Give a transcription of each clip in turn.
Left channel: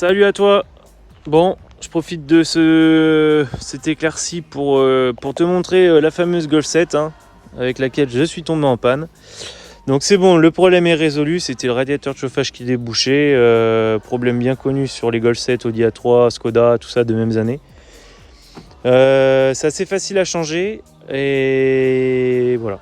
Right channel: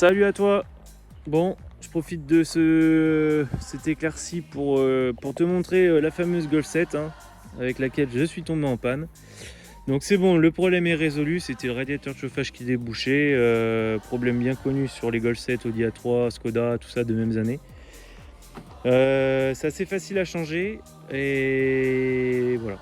Salut à toi. Bon, je profite de cet éclairci pour te montrer la fameuse Golf 7 avec laquelle je suis tombé en panne. Donc c'est bon, le problème est résolu, c'était le radiateur de chauffage qui débouchait, problème bien connu sur les Golf 7, Audi A3, Skoda, tout ça de mêmes années. C'est assez facile à changer et voilà.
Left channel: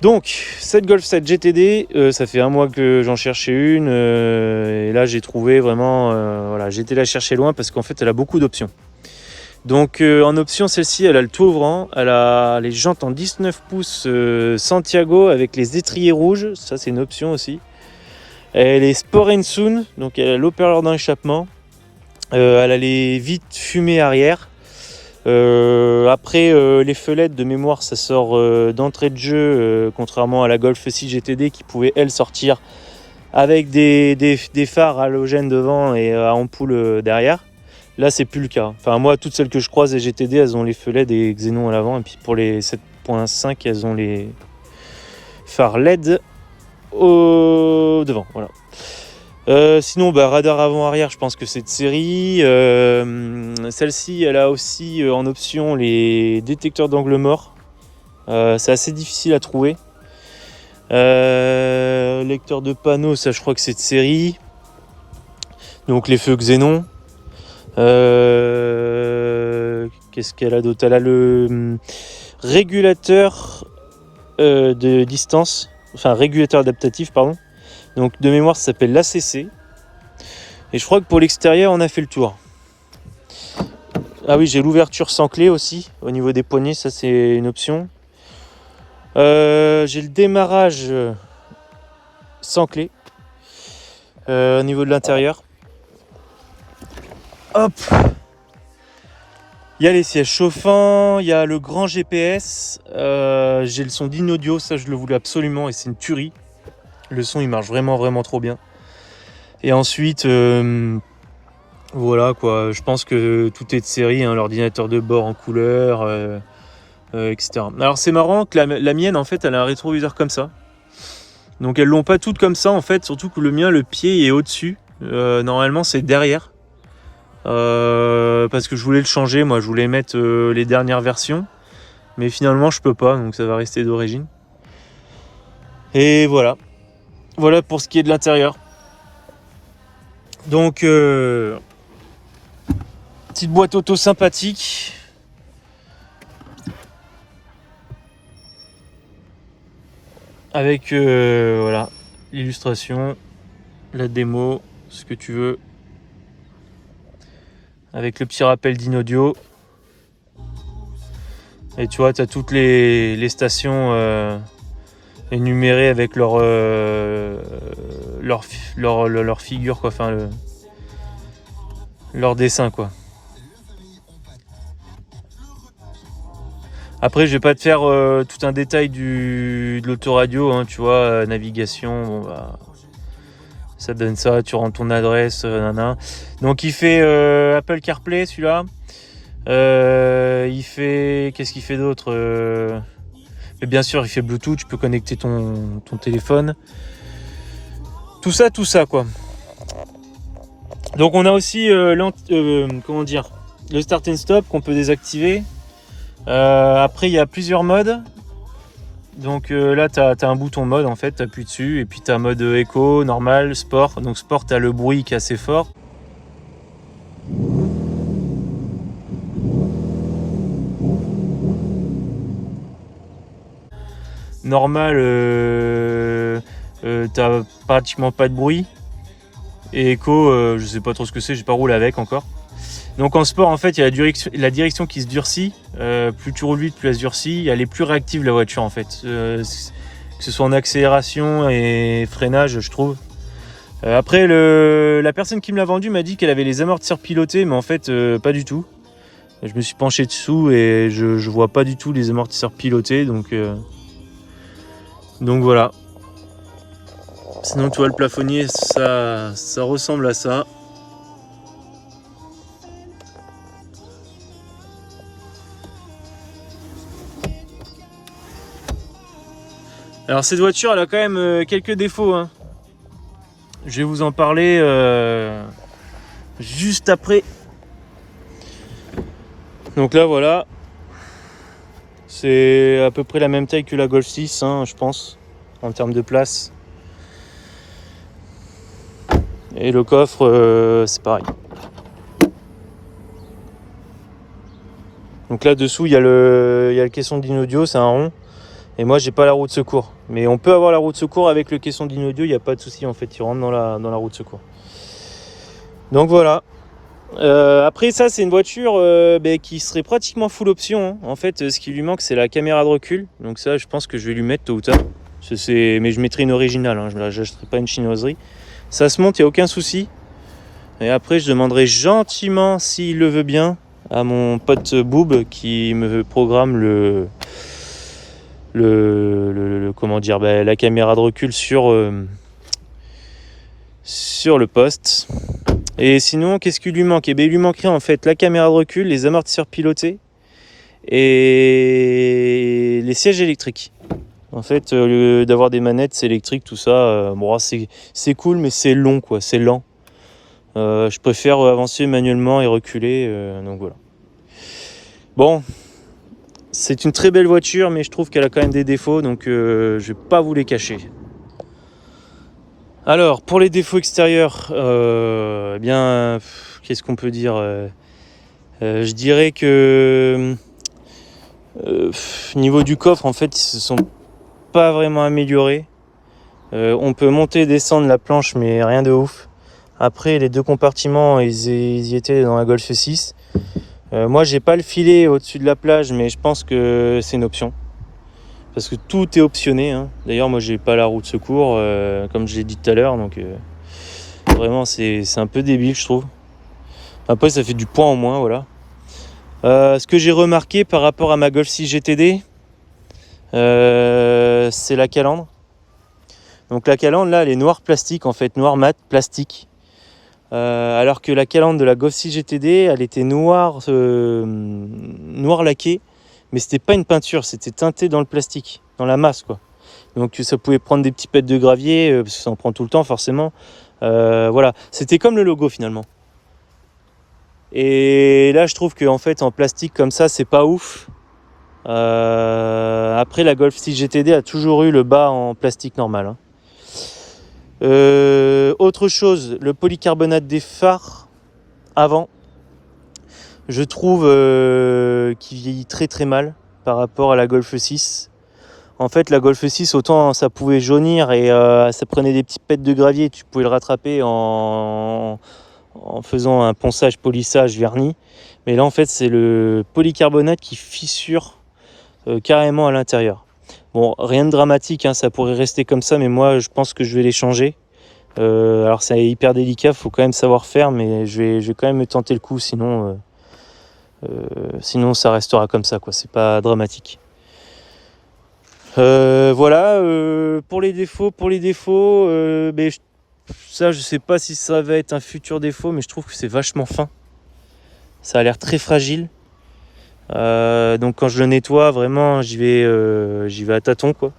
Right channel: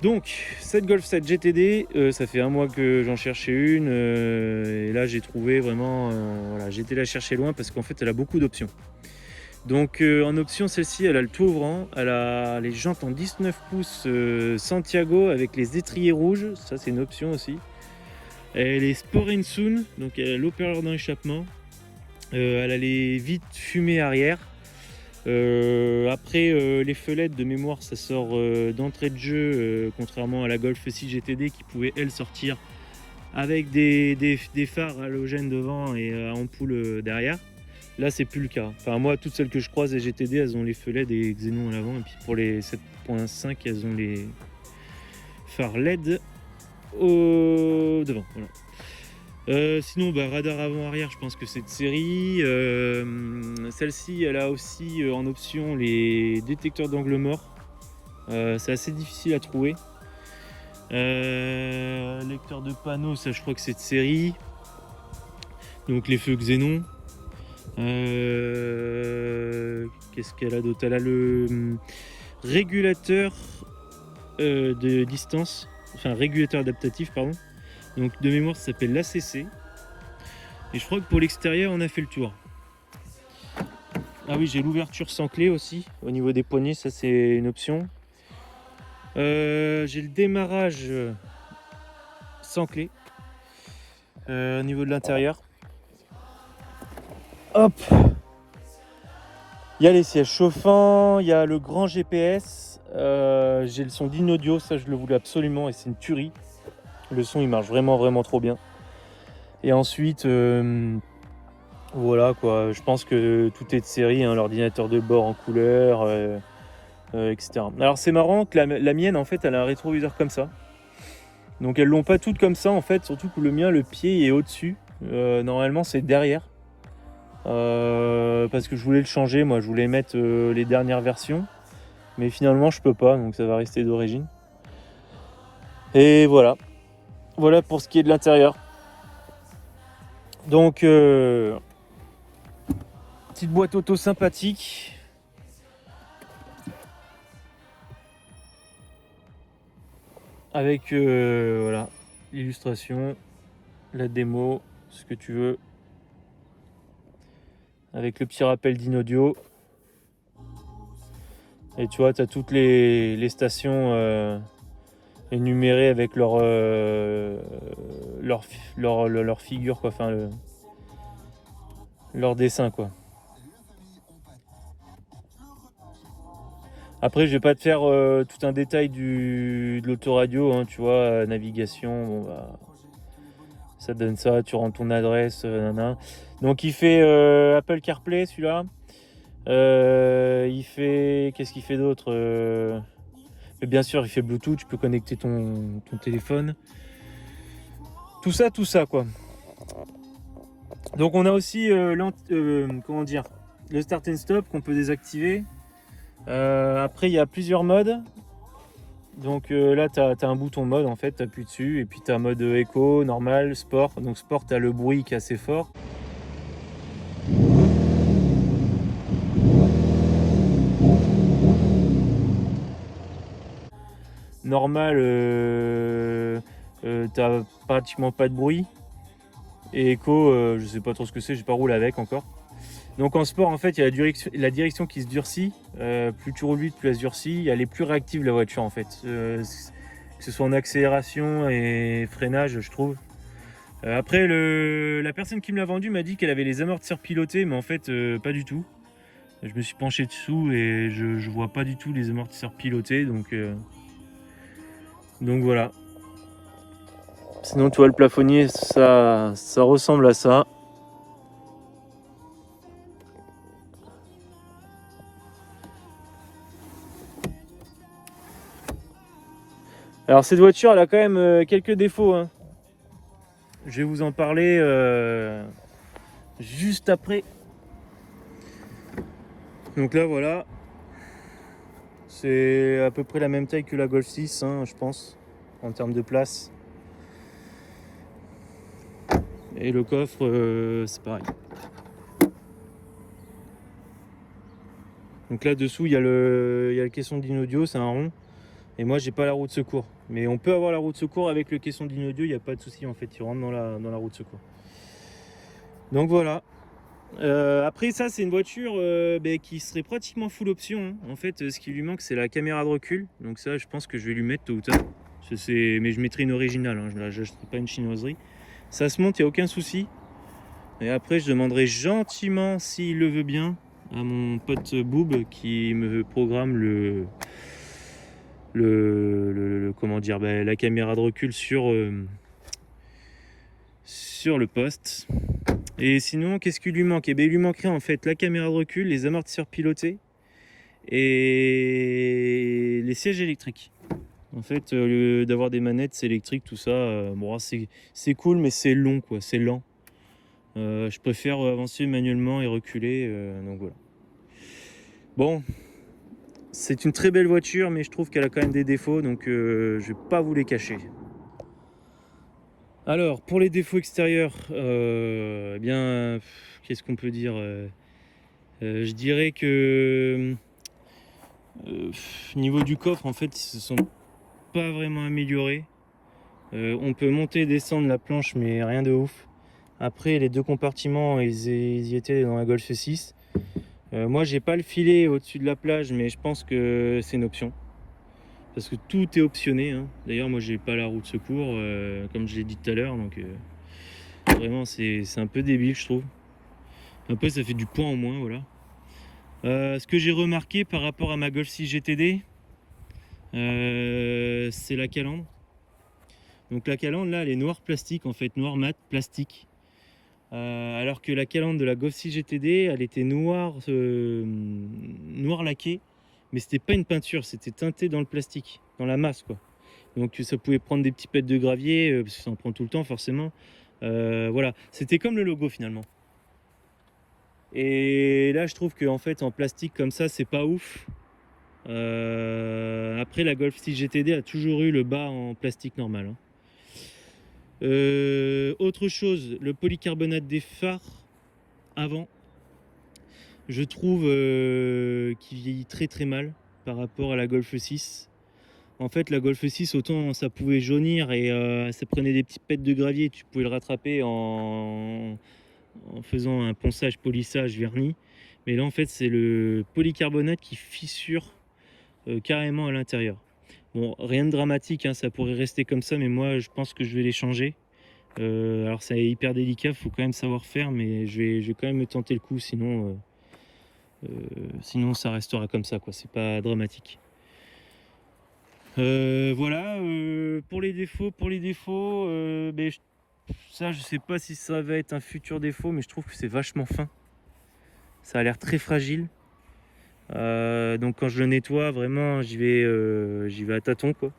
Donc cette Golf 7 GTD, ça fait un mois que j'en cherchais une et là j'ai trouvé vraiment, voilà, j'ai été la chercher loin parce qu'en fait elle a beaucoup d'options. Donc en option, celle-ci elle a le tout ouvrant, elle a les jantes en 19 pouces Santiago avec les étriers rouges, ça c'est une option aussi. Elle est Sport and Soon, donc elle a l'haut-parleur d'échappement, elle a les vitres fumées arrière. Après les fenêtres de mémoire ça sort d'entrée de jeu, contrairement à la Golf 6 GTD qui pouvait elle sortir avec des phares halogènes devant et à ampoule derrière. Là c'est plus le cas, enfin moi toutes celles que je croise les GTD elles ont les fenêtres et xénon à l'avant, et puis pour les 7.5 elles ont les phares LED au devant, voilà. Sinon radar avant-arrière, je pense que c'est de série. Celle-ci elle a aussi en option les détecteurs d'angle mort, c'est assez difficile à trouver. Lecteur de panneaux, ça je crois que c'est de série, donc les feux xénon. Qu'est-ce qu'elle a d'autre? Elle a le régulateur de distance, enfin régulateur adaptatif pardon. Donc de mémoire ça s'appelle l'ACC. Et je crois que pour l'extérieur on a fait le tour. Ah oui, j'ai l'ouverture sans clé aussi au niveau des poignées, ça c'est une option. J'ai le démarrage sans clé au niveau de l'intérieur. Hop. Il y a les sièges chauffants, il y a le grand GPS, j'ai le son d'Inaudio, ça je le voulais absolument et c'est une tuerie. Le son il marche vraiment trop bien. Et ensuite voilà quoi, je pense que tout est de série, l'ordinateur de bord en couleur, etc. Alors c'est marrant que la mienne en fait elle a un rétroviseur comme ça. Donc elles l'ont pas toutes comme ça en fait, surtout que le mien le pied est au-dessus. Normalement c'est derrière. Parce que je voulais le changer, moi je voulais mettre les dernières versions. Mais finalement je peux pas, donc ça va rester d'origine. Et voilà. Voilà pour ce qui est de l'intérieur. Donc petite boîte auto sympathique. Avec voilà, l'illustration, la démo, ce que tu veux. Avec le petit rappel d'Inaudio. Et tu vois, tu as toutes les stations énumérées avec leur figure, quoi. Enfin, leur dessin, quoi. Après, je vais pas te faire tout un détail de l'autoradio, tu vois, navigation, bon bah, ça donne ça, tu rentres ton adresse, nanana. Donc il fait Apple CarPlay celui-là. Il fait, qu'est-ce qu'il fait d'autre mais bien sûr, il fait Bluetooth, tu peux connecter ton téléphone. Tout ça quoi. Donc on a aussi comment dire, le start and stop qu'on peut désactiver. Après il y a plusieurs modes. Donc là tu as un bouton mode en fait, tu appuies dessus et puis tu as mode éco, normal, sport. Donc sport tu as le bruit qui est assez fort. Normal t'as pratiquement pas de bruit. Et éco, je sais pas trop ce que c'est, j'ai pas roulé avec encore. Donc en sport, en fait, il y a la direction qui se durcit. Plus tu roules vite, plus elle se durcit. Elle est plus réactive la voiture en fait. Que ce soit en accélération et freinage, je trouve. Après, la personne qui me l'a vendu m'a dit qu'elle avait les amortisseurs pilotés, mais en fait, pas du tout. Je me suis penché dessous et je vois pas du tout les amortisseurs pilotés, donc voilà. Sinon, tu vois, le plafonnier, ça ressemble à ça. Alors cette voiture, elle a quand même quelques défauts. Je vais vous en parler juste après. Donc là voilà, c'est à peu près la même taille que la Golf 6, hein, je pense, en termes de place. Et le coffre, c'est pareil. Donc là dessous il y a le caisson d'Inaudio, c'est un rond. Et moi j'ai pas la roue de secours. Mais on peut avoir la roue de secours avec le caisson d'Inaudio, il n'y a pas de souci en fait, il rentre dans la roue de secours. Donc voilà. Après ça c'est une voiture qui serait pratiquement full option, hein. En fait ce qui lui manque c'est la caméra de recul. Donc ça je pense que je vais lui mettre tôt ou tard. Mais je mettrai une originale, hein. Je n'achèterai pas une chinoiserie. Ça se monte, il n'y a aucun souci. Et après je demanderai gentiment s'il le veut bien à mon pote Boob qui me programme comment dire, la caméra de recul sur le poste. Et sinon, qu'est-ce qu'il lui manque? Il lui manquerait en fait la caméra de recul, les amortisseurs pilotés et les sièges électriques. En fait, au lieu d'avoir des manettes électriques, tout ça, c'est cool, mais c'est long, quoi, c'est lent. Je préfère avancer manuellement et reculer, donc voilà. Bon, c'est une très belle voiture, mais je trouve qu'elle a quand même des défauts, donc je vais pas vous les cacher. Alors, pour les défauts extérieurs, qu'est-ce qu'on peut dire? Je dirais que niveau du coffre, en fait, ils se sont pas vraiment améliorés. On peut monter et descendre la planche, mais rien de ouf. Après, les deux compartiments, ils y étaient dans la Golf 6. Moi, j'ai pas le filet au-dessus de la plage, mais je pense que c'est une option. Parce que tout est optionné, hein. D'ailleurs, moi, j'ai pas la roue de secours, comme je l'ai dit tout à l'heure, donc vraiment, c'est un peu débile, je trouve. Après, ça fait du poids en moins, voilà. Ce que j'ai remarqué par rapport à ma Golf 6 GTD, c'est la calandre. Donc la calandre, là, elle est noire plastique, en fait, noir mat plastique. Alors que la calandre de la Golf 6 GTD, elle était noire laquée, mais c'était pas une peinture, c'était teinté dans le plastique, dans la masse, quoi. Donc ça pouvait prendre des petits pets de gravier, parce que ça en prend tout le temps forcément. Voilà, c'était comme le logo finalement. Et là je trouve qu'en fait en plastique comme ça c'est pas ouf. Après la Golf 6 GTD a toujours eu le bas en plastique normal, hein. Autre chose, le polycarbonate des phares avant, je trouve qu'il vieillit très très mal par rapport à la Golf 6. En fait, la Golf 6, autant ça pouvait jaunir et ça prenait des petits pets de gravier, tu pouvais le rattraper en faisant un ponçage, polissage, vernis. Mais là, en fait, c'est le polycarbonate qui fissure carrément à l'intérieur. Bon, rien de dramatique, hein, ça pourrait rester comme ça, mais moi, je pense que je vais les changer. Alors, c'est hyper délicat, il faut quand même savoir faire, mais je vais quand même me tenter le coup, sinon ça restera comme ça, quoi. C'est pas dramatique. Voilà, pour les défauts, ça je sais pas si ça va être un futur défaut, mais je trouve que c'est vachement fin. Ça a l'air très fragile. Donc quand je le nettoie, vraiment, j'y vais à tâtons, quoi.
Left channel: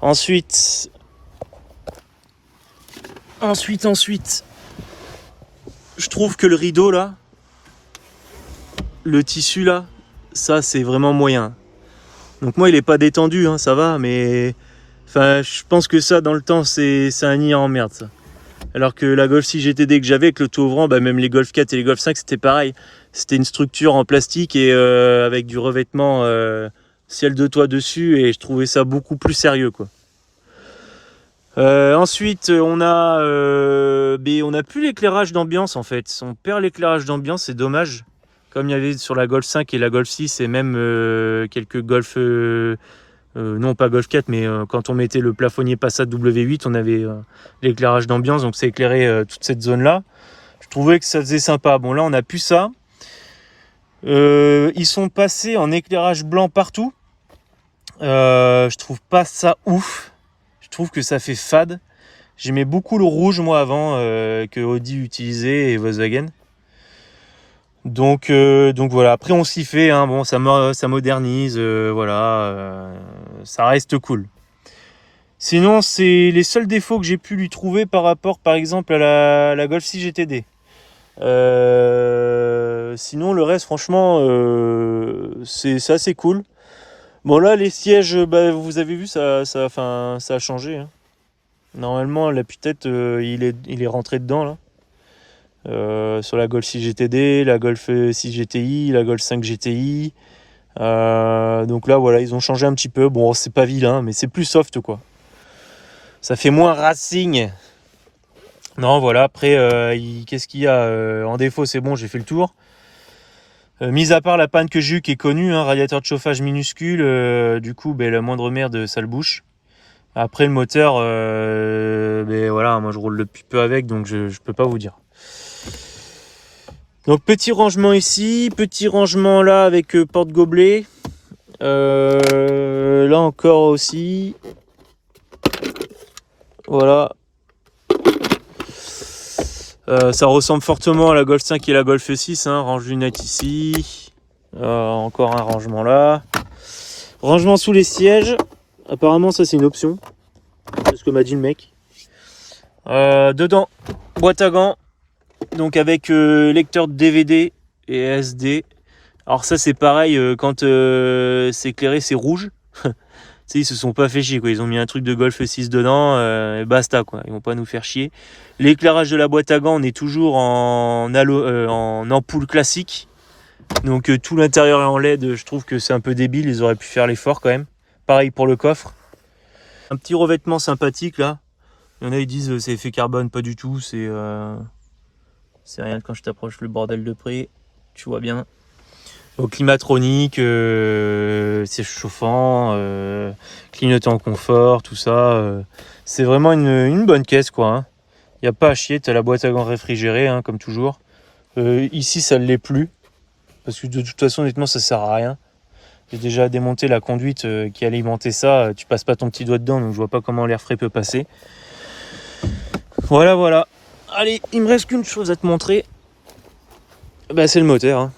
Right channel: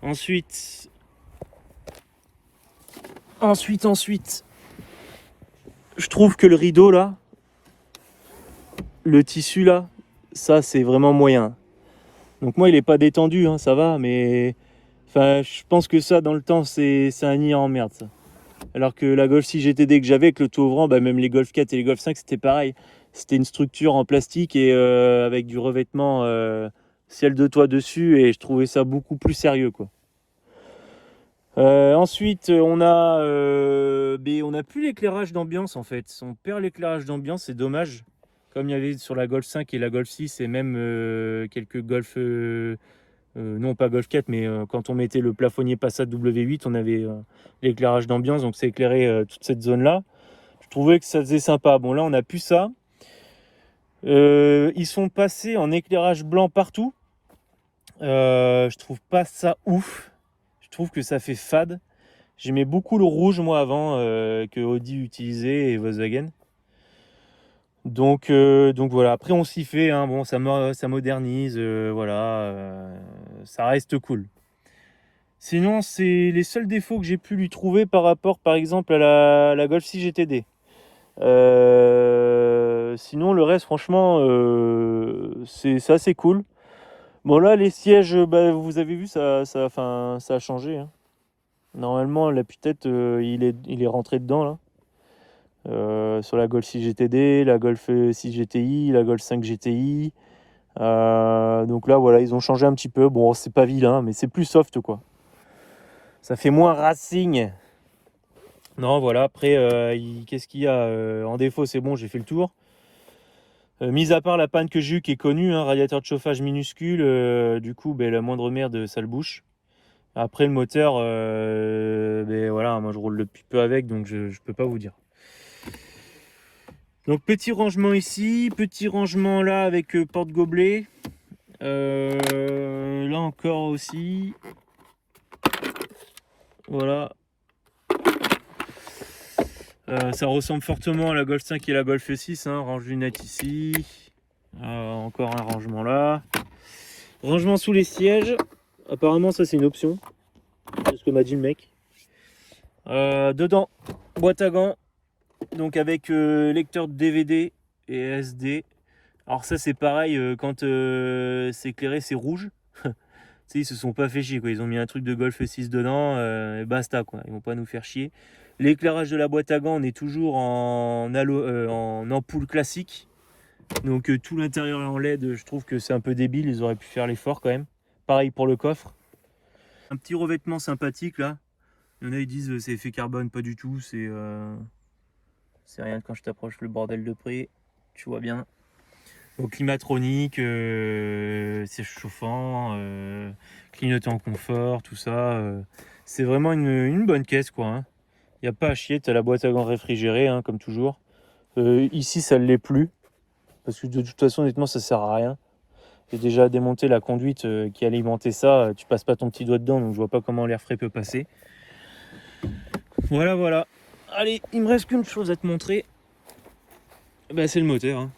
Ensuite, je trouve que le rideau là, le tissu là, ça c'est vraiment moyen. Donc moi il est pas détendu, hein, ça va, mais enfin je pense que ça dans le temps c'est un nid en merde ça. Alors que la Golf 6 GTD que j'avais avec le tout ouvrant, même les Golf 4 et les Golf 5 c'était pareil. C'était une structure en plastique et avec du revêtement ciel de toit dessus, et je trouvais ça beaucoup plus sérieux, quoi. Ensuite on a plus l'éclairage d'ambiance en fait. On perd l'éclairage d'ambiance, c'est dommage. Comme il y avait sur la Golf 5 et la Golf 6 et même quelques Golf... non pas Golf 4, mais quand on mettait le plafonnier Passat W8, on avait l'éclairage d'ambiance, donc ça éclairait toute cette zone-là. Je trouvais que ça faisait sympa. Bon, là, on n'a plus ça. Ils sont passés en éclairage blanc partout. Je trouve pas ça ouf. Je trouve que ça fait fade. J'aimais beaucoup le rouge, moi, avant, que Audi utilisait et Volkswagen. Donc voilà, après on s'y fait, hein. Bon, ça modernise, voilà, ça reste cool. Sinon, c'est les seuls défauts que j'ai pu lui trouver par rapport, par exemple, à la Golf 6 GTD. Sinon le reste franchement c'est assez cool. Bon là les sièges, vous avez vu ça a changé, hein. Normalement l'appui-tête il est rentré dedans là. Sur la Golf 6 GTD, la Golf 6 GTI, la Golf 5 GTI. Donc là voilà, ils ont changé un petit peu. Bon, c'est pas vilain, mais c'est plus soft quoi. Ça fait moins racing. Non, voilà, après, qu'est-ce qu'il y a en défaut? C'est bon, j'ai fait le tour. Mis à part la panne que j'ai eue qui est connue, hein, radiateur de chauffage minuscule, du coup, la moindre merde, ça le bouche. Après, le moteur, voilà, moi je roule depuis peu avec, donc je peux pas vous dire. Donc petit rangement ici, petit rangement là avec porte-gobelet. Là encore aussi. Voilà. Ça ressemble fortement à la Golf 5 et la Golf 6, hein. Range lunettes ici. Encore un rangement là. Rangement sous les sièges. Apparemment ça c'est une option. C'est ce que m'a dit le mec. Dedans, boîte à gants. Donc avec lecteur de DVD et SD. Alors ça c'est pareil, quand c'est éclairé c'est rouge. Ils se sont pas fait chier quoi. Ils ont mis un truc de Golf 6 dedans et basta quoi. Ils vont pas nous faire chier. L'éclairage de la boîte à gants, on est toujours en ampoule classique. Donc tout l'intérieur est en LED. Je trouve que c'est un peu débile. Ils auraient pu faire l'effort quand même. Pareil pour le coffre. Un petit revêtement sympathique là. Il y en a ils disent c'est effet carbone, pas du tout. C'est rien quand je t'approche le bordel de près. Tu vois bien. Donc climatronique, siège chauffant, clignotant confort, tout ça. C'est vraiment une bonne caisse quoi, hein. Il n'y a pas à chier, tu as la boîte à gants réfrigérée, hein, comme toujours. Ici ça ne l'est plus, parce que de toute façon honnêtement ça sert à rien. J'ai déjà démonté la conduite qui alimentait ça, tu passes pas ton petit doigt dedans, donc je vois pas comment l'air frais peut passer. Voilà. Allez, il me reste qu'une chose à te montrer. C'est le moteur, hein.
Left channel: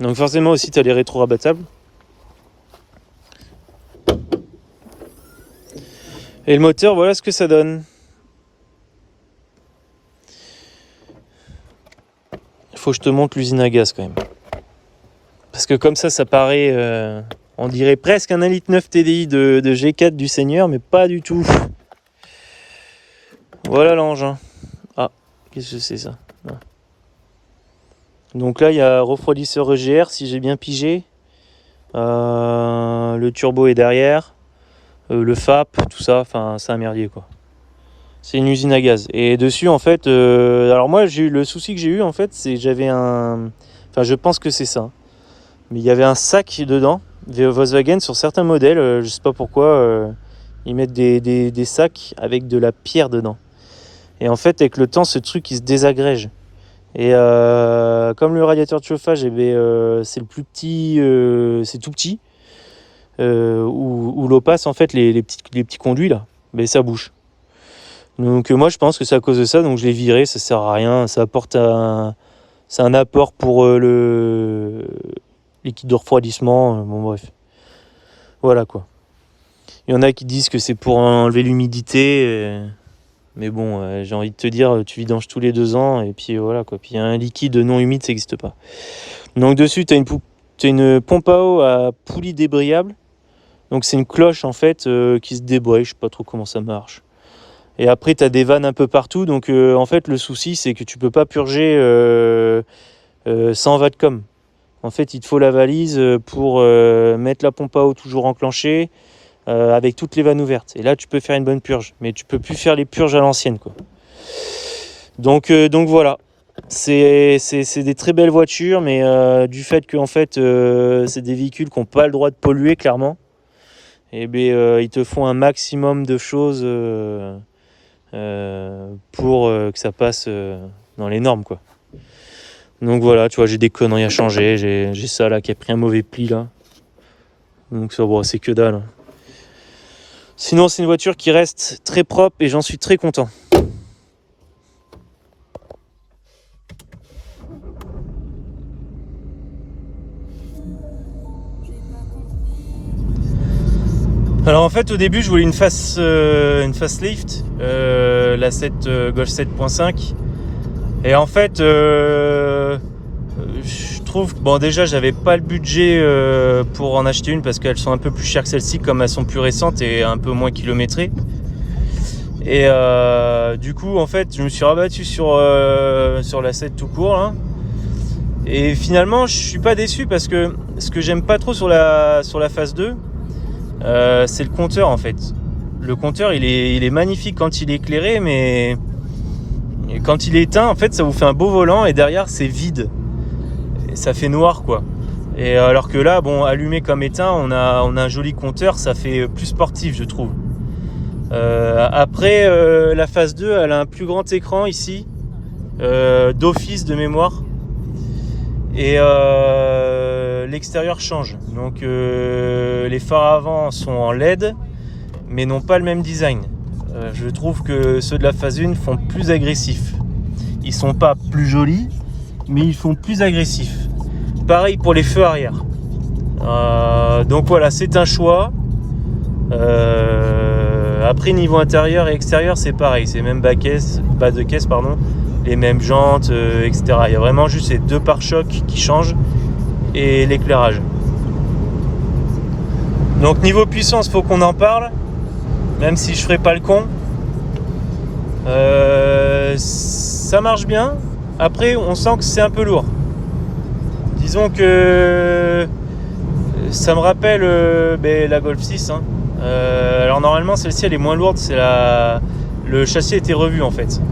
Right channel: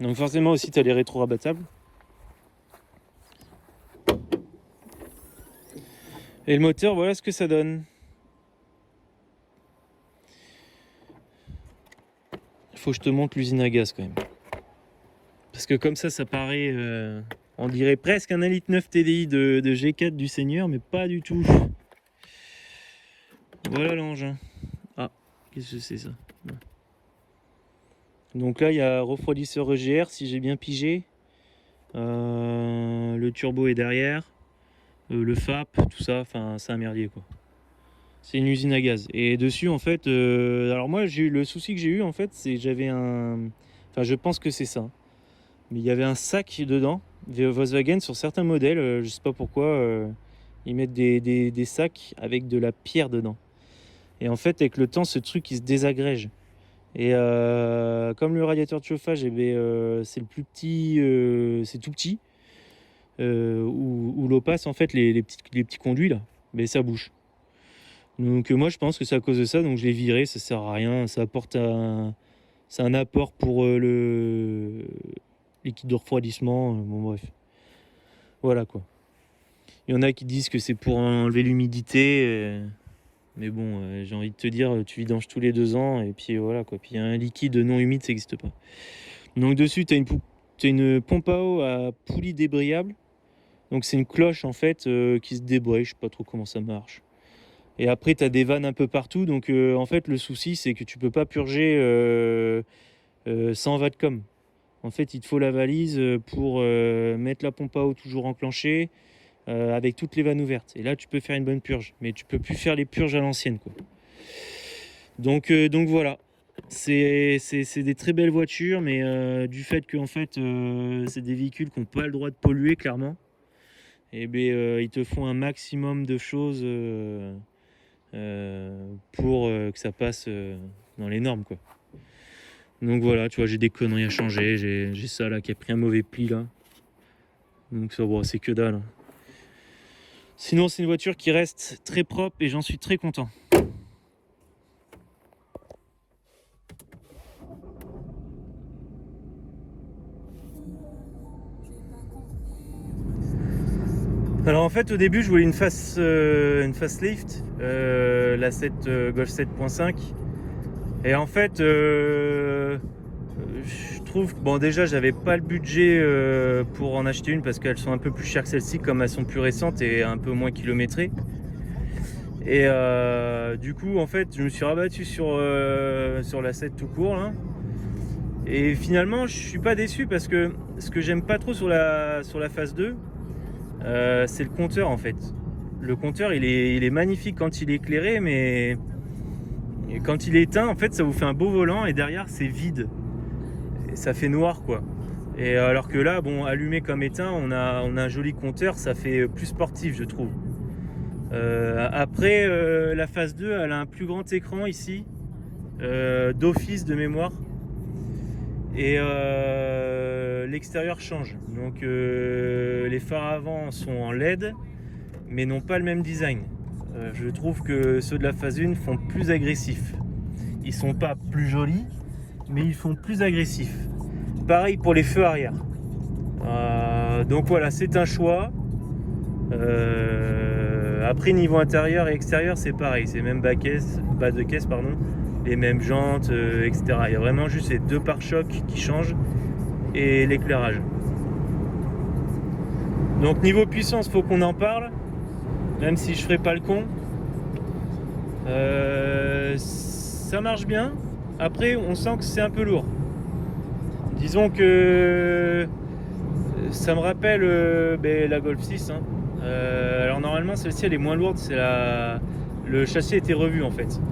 Donc forcément aussi tu as les rétro-rabattables. Et le moteur, voilà ce que ça donne. Il faut que je te montre l'usine à gaz quand même. Parce que comme ça paraît, on dirait presque un 1,9 litre TDI de G4 du Seigneur, mais pas du tout. Voilà l'engin. Ah, qu'est-ce que c'est ça? Donc là, il y a refroidisseur EGR, si j'ai bien pigé. Le turbo est derrière. Le FAP, tout ça, enfin, c'est un merdier quoi. C'est une usine à gaz. Et dessus, en fait, alors moi, le souci que j'ai eu, en fait, c'est que j'avais un... Enfin, je pense que c'est ça. Mais il y avait un sac dedans. Volkswagen, sur certains modèles, je sais pas pourquoi, ils mettent des sacs avec de la pierre dedans. Et en fait, avec le temps, ce truc, il se désagrège. Et comme le radiateur de chauffage, c'est le plus petit, c'est tout petit, où l'eau passe, en fait, les petits conduits, là, ça bouge. Donc moi, je pense que c'est à cause de ça, donc je l'ai viré, ça sert à rien. Ça apporte c'est un apport pour le liquide de refroidissement. Bon, bref. Voilà, quoi. Il y en a qui disent que c'est pour enlever l'humidité. Mais bon, j'ai envie de te dire, tu vidanges tous les 2 ans, et puis voilà quoi. Puis un liquide non humide, ça n'existe pas. Donc dessus, tu as une pompe à eau à poulie débrayable. Donc c'est une cloche en fait qui se débraye, je sais pas trop comment ça marche. Et après, tu as des vannes un peu partout. Donc en fait, le souci, c'est que tu peux pas purger sans Vadcom. En fait, il te faut la valise pour mettre la pompe à eau toujours enclenchée. Avec toutes les vannes ouvertes. Et là, tu peux faire une bonne purge. Mais tu peux plus faire les purges à l'ancienne, quoi. Donc voilà. C'est des très belles voitures, mais du fait que en fait, c'est des véhicules qui n'ont pas le droit de polluer, clairement. Et ils te font un maximum de choses pour que ça passe dans les normes, quoi. Donc voilà, tu vois, j'ai des conneries à changer. J'ai ça là qui a pris un mauvais pli là. Donc ça, bon, c'est que dalle, hein. Sinon, c'est une voiture qui reste très propre et j'en suis très content. Alors en fait, au début, je voulais une facelift, la Golf 7.5. Et en fait, je trouve que bon, déjà j'avais pas le budget pour en acheter une parce qu'elles sont un peu plus chères que celles-ci, comme elles sont plus récentes et un peu moins kilométrées. Et du coup, en fait, je me suis rabattu sur la 7 tout court là. Et finalement, je suis pas déçu parce que ce que j'aime pas trop sur la phase 2, c'est le compteur en fait. Le compteur, il est magnifique quand il est éclairé, mais quand il est éteint, en fait, ça vous fait un beau volant et derrière, c'est vide. Et ça fait noir, quoi. Et alors que là, bon, allumé comme éteint, on a un joli compteur, ça fait plus sportif, je trouve. Après, la phase 2, elle a un plus grand écran ici, d'office de mémoire. Et l'extérieur change. Donc les phares avant sont en LED, mais n'ont pas le même design. Je trouve que ceux de la phase 1 font plus agressifs. Ils sont pas plus jolis, mais ils font plus agressifs. Pareil pour les feux arrière. Donc voilà, c'est un choix. Après, niveau intérieur et extérieur, c'est pareil. C'est même bas de caisse, pardon. Les mêmes jantes, etc. Il y a vraiment juste ces deux pare-chocs qui changent et l'éclairage. Donc niveau puissance, faut qu'on en parle, même si je ferai pas le con. Ça marche bien. Après, on sent que c'est un peu lourd. Disons que ça me rappelle la Golf 6. Hein. Alors normalement, celle-ci, elle est moins lourde. Le châssis a été revu en fait.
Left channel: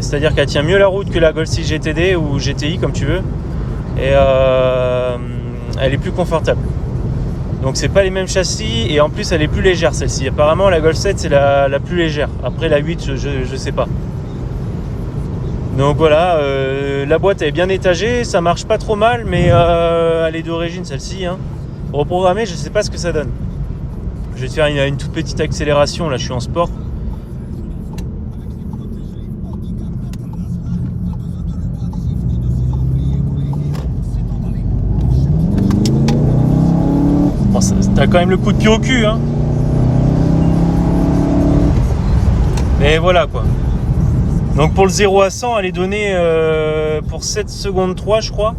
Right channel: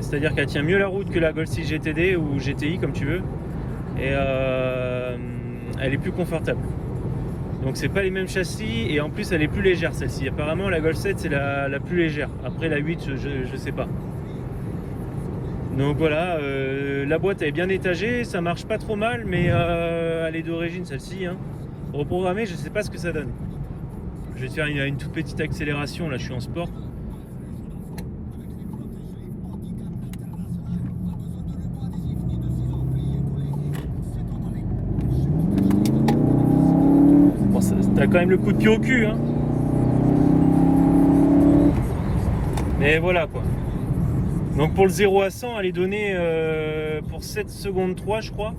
C'est-à-dire qu'elle tient mieux la route que la Golf 6 GTD ou GTI comme tu veux. Et elle est plus confortable. Donc c'est pas les mêmes châssis et en plus elle est plus légère celle-ci. Apparemment la Golf 7 c'est la plus légère. Après la 8 je sais pas. Donc voilà, la boîte elle est bien étagée, ça marche pas trop mal mais elle est d'origine celle-ci. Hein. Reprogrammée, je sais pas ce que ça donne. Je vais te faire une toute petite accélération, là je suis en sport. Bon, t'as quand même le coup de pied au cul, hein. Mais voilà quoi. Donc pour le 0 à 100, elle est donnée pour 7 secondes 3 je crois.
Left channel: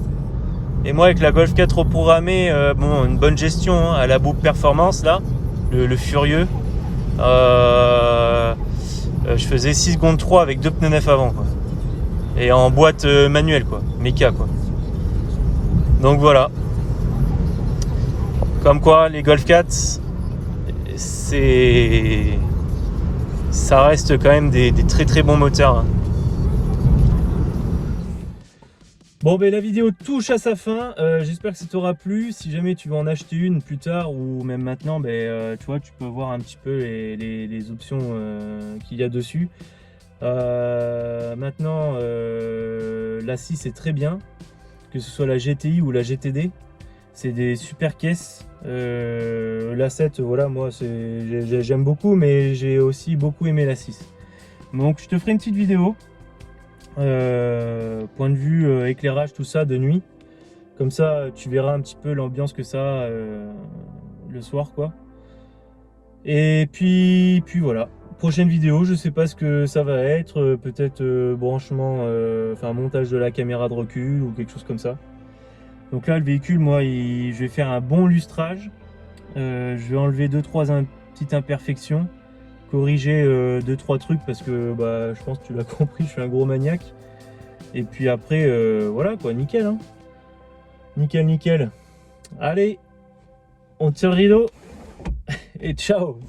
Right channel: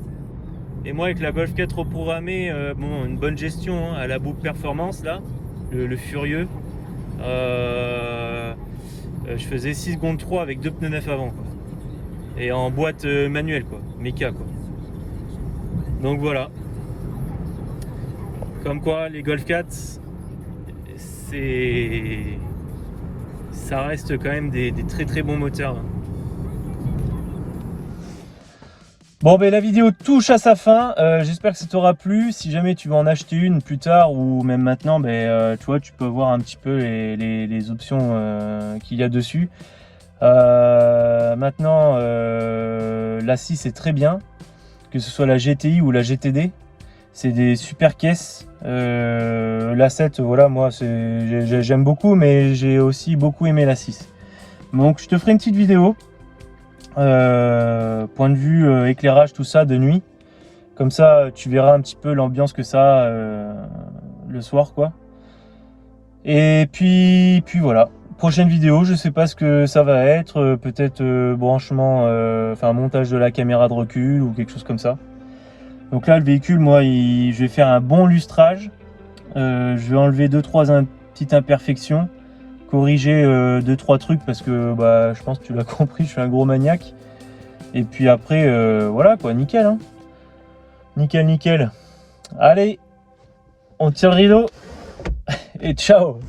Et moi avec la Golf 4 reprogrammée, bon, une bonne gestion hein, à la boucle performance là, le furieux. Je faisais 6 secondes 3 avec 2 pneus neufs avant quoi. Et en boîte manuelle quoi, méca quoi. Donc voilà. Comme quoi les Golf 4, ça reste quand même des très très bons moteurs. Hein. Bon ben la vidéo touche à sa fin, j'espère que ça t'aura plu. Si jamais tu veux en acheter une plus tard ou même maintenant, tu vois, tu peux voir un petit peu les options qu'il y a dessus. Maintenant, la 6 est très bien, que ce soit la GTI ou la GTD. C'est des super caisses. La 7, voilà, moi j'aime beaucoup, mais j'ai aussi beaucoup aimé la 6. Donc je te ferai une petite vidéo. Point de vue éclairage, tout ça de nuit. Comme ça, tu verras un petit peu l'ambiance que ça a le soir, quoi. Et puis voilà. Prochaine vidéo, je sais pas ce que ça va être. Peut-être branchement, enfin montage de la caméra de recul ou quelque chose comme ça. Donc là, le véhicule, moi, je vais faire un bon lustrage. Je vais enlever 2-3 petites imperfections, corriger 2-3 trucs parce que je pense que tu l'as compris, je suis un gros maniaque. Et puis après, voilà quoi, nickel. Hein. Nickel. Allez, on tire le rideau et ciao.